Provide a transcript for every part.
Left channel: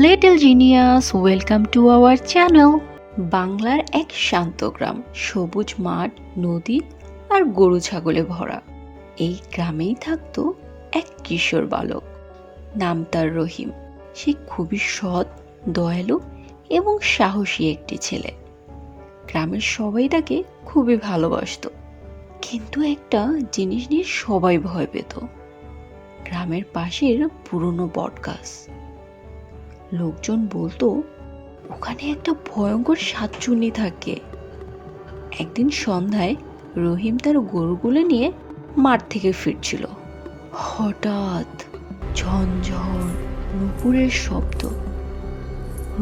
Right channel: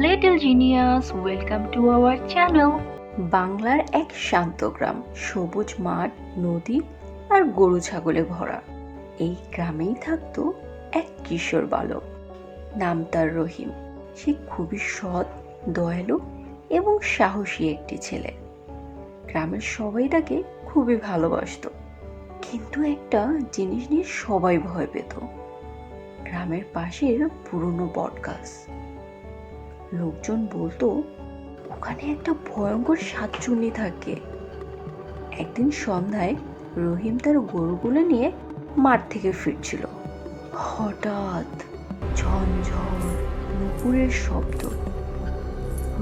Little genius, welcome to our channel. বাংলার এক শান্ত গ্রাম, সবুজ মাঠ, নদী আর গরু ছাগলে ভরা। এই গ্রামেই থাকতো এক কিশোর বালক, নাম তার রহিম। সে খুবই সৎ, দয়ালু এবং সাহসী একটি ছেলে। গ্রামের সবাই তাকে খুবই ভালোবাসতো, কিন্তু একটা জিনিস নিয়ে সবাই ভয় পেত, গ্রামের পাশের পুরনো বটগাছ। লোকজন বলতো ওখানে একটা ভয়ঙ্কর সাতচুন্নি থাকে। একদিন সন্ধ্যায় রহিম তার গরুগুলো নিয়ে মাঠ থেকে ফিরছিল। হঠাৎ ঝনঝন নুপুরের শব্দ।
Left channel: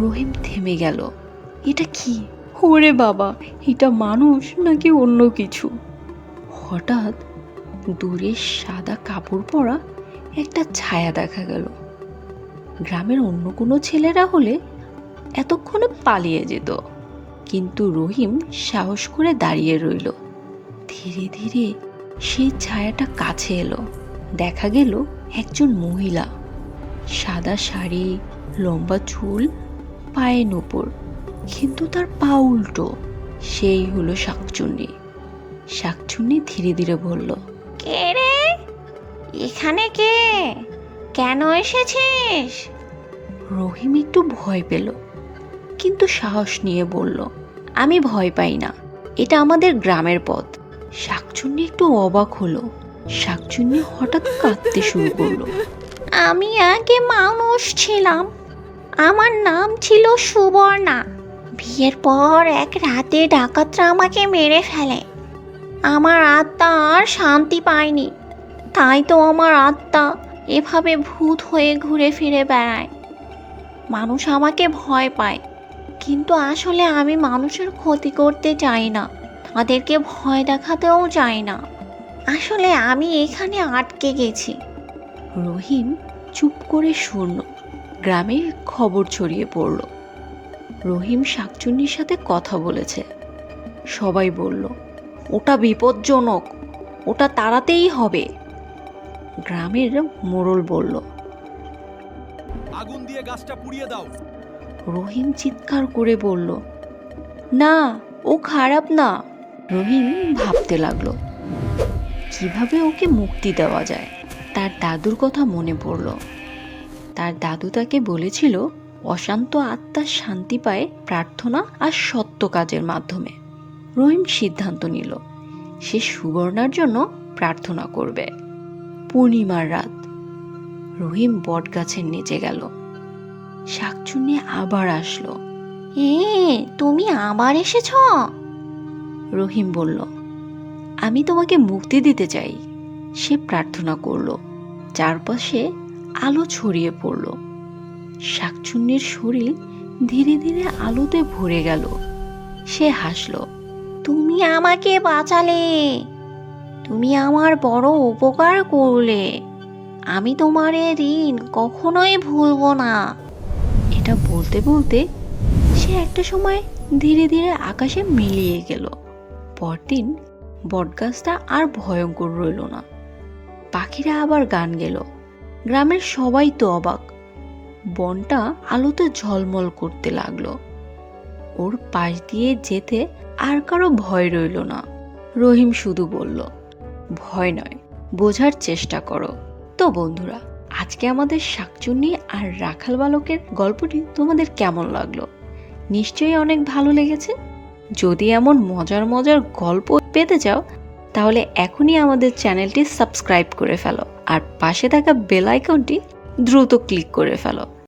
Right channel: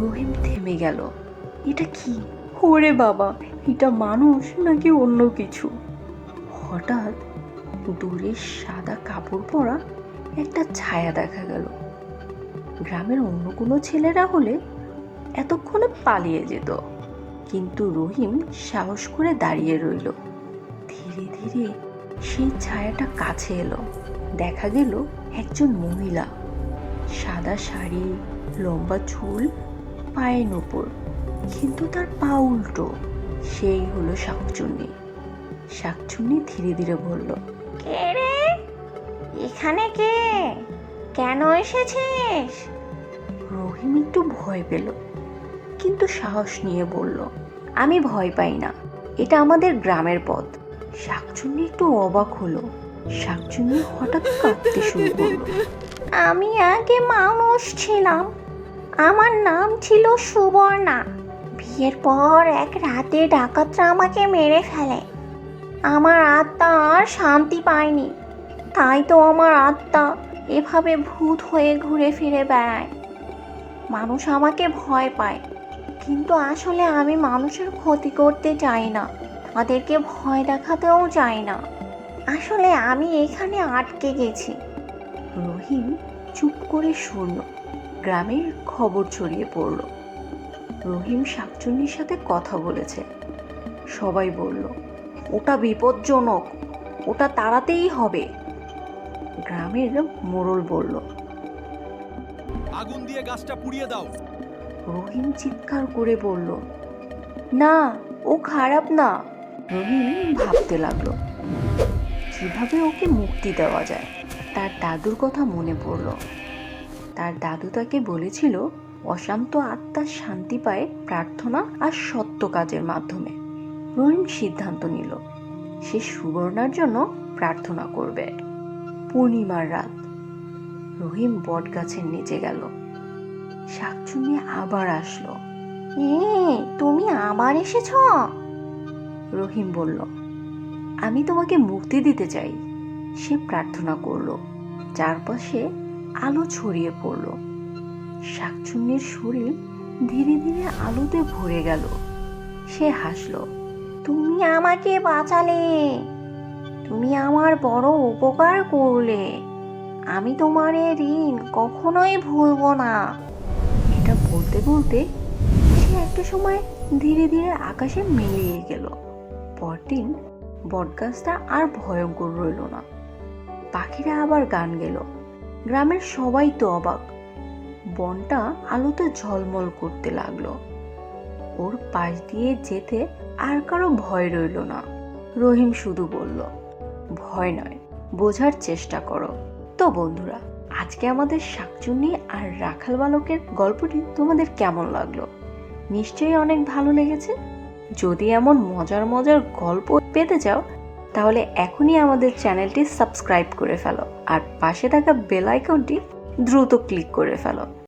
রহিম থেমে গেল। এটা কি? ওরে বাবা, এটা মানুষ নাকি অন্য কিছু? হঠাৎ দূরে সাদা কাপড় পরা একটা ছায়া দেখা গেল। গ্রামের অন্য কোনো ছেলেরা হলে এতক্ষণে পালিয়ে যেত, কিন্তু রহিম সাহস করে দাঁড়িয়ে রইল। ধীরে ধীরে সেই ছায়াটা কাছে এলো। দেখা গেল একজন মহিলা, সাদা শাড়ি, লম্বা চুল, পায়ে নূপুর, কিন্তু তার পা উল্টো। সেই হলো শাকচুন্নি। শাকচুন্নি ধীরে ধীরে বলল, কে রে? এখানে কে? কেন এসেছিস? রহিম একটু ভয় পেল, কিন্তু সাহস নিয়ে বলল, আমি ভয় পাই না, এটা আমাদের গ্রামের পথ। শাকচুন্নি একটু অবাক হলো। শাকচুন্নি হঠাৎ কাঁদতে শুরু করলো। আমি আগে মানুষ ছিলাম। আমার নাম ছিল সুবর্ণা। বিয়ের পর এক রাতে ডাকাতরা আমাকে মেরে ফেলে। আমার আত্মা আর শান্তি পায়নি, তাই তো আমার আত্মা এভাবে ভূত হয়ে ঘুরে ফিরে বেড়ায়। মানুষ আমাকে ভয় পায়, কিন্তু আসলে আমি মানুষের ক্ষতি করতে চাই না, তাদেরকে ভয় দেখাতেও চাই না। আসলে আমি এখানে আটকে গেছি। রহিম চুপ করে শুনল। গ্রামে খবর ছড়িয়ে পড়ল, রহিম শাকচুন্নির সাথে কথা বলেছে। সবাই বলল, ওটা বিপজ্জনক, ওটা তাড়াতেই হবে। গ্রামের মোড়ল বলল, আগুন দিয়ে গাছটা পুড়িয়ে দাও। রহিম চিৎকার করে বলল, না, ও খারাপ না। রহিম ভাবতে লাগলো কিভাবে ওকে মুক্তি দেওয়া যায়। তার দাদুর কথা মনে পড়ল। তার দাদু তাকে বলেছিল, অশান্ত আত্মা শান্তি পায় প্রার্থনা আর সত্য কাজের মাধ্যমে। রহিম সিদ্ধান্ত নিল, সে সুবর্ণার জন্য প্রার্থনা করবে। পূর্ণিমার রাত, রহিম বট গাছের নিচে গেল। শাকচুন্নি আবার আসলো। তুমি আবার এসেছ? রহিম বলল, আমি তোমাকে মুক্তি দিতে চাই। সে প্রার্থনা করলো। চারপাশে আলো ছড়িয়ে পড়ল। শাকচুন্নির শরীর ধীরে ধীরে আলোতে ভরে গেল। সে হাসল। তুমি আমাকে বাঁচালে, তুমি আমার বড় উপকার করলে। আমি তোমার এ ঋণ কখনোই ভুলবো না। এটা বলতে বলতে সে একটা সময় ধীরে ধীরে আকাশে মিলিয়ে গেল। পরদিন বটগাছটা আর ভয়ঙ্কর রইল না। পাখিরা আবার গান গেল। গ্রামের সবাই তো অবাক। বনটা আলোতে ঝলমল করতে লাগলো। ওর পাশ দিয়ে যেতে আর কারো ভয় রইল না। রহিম শুধু বলল, ভয় নয়, বোঝার চেষ্টা করো। তো বন্ধুরা, আজকে আমাদের শাকচুন্নি আর রাখাল বালকের গল্পটি তোমাদের কেমন লাগলো? নিশ্চয়ই অনেক ভালো লেগেছে। যদি এমন মজার মজার গল্প পেতে চাও, তাহলে এখনই আমাদের চ্যানেলটি সাবস্ক্রাইব করে ফেলো আর পাশে থাকা বেল আইকনটি দ্রুত ক্লিক করে ফেলো।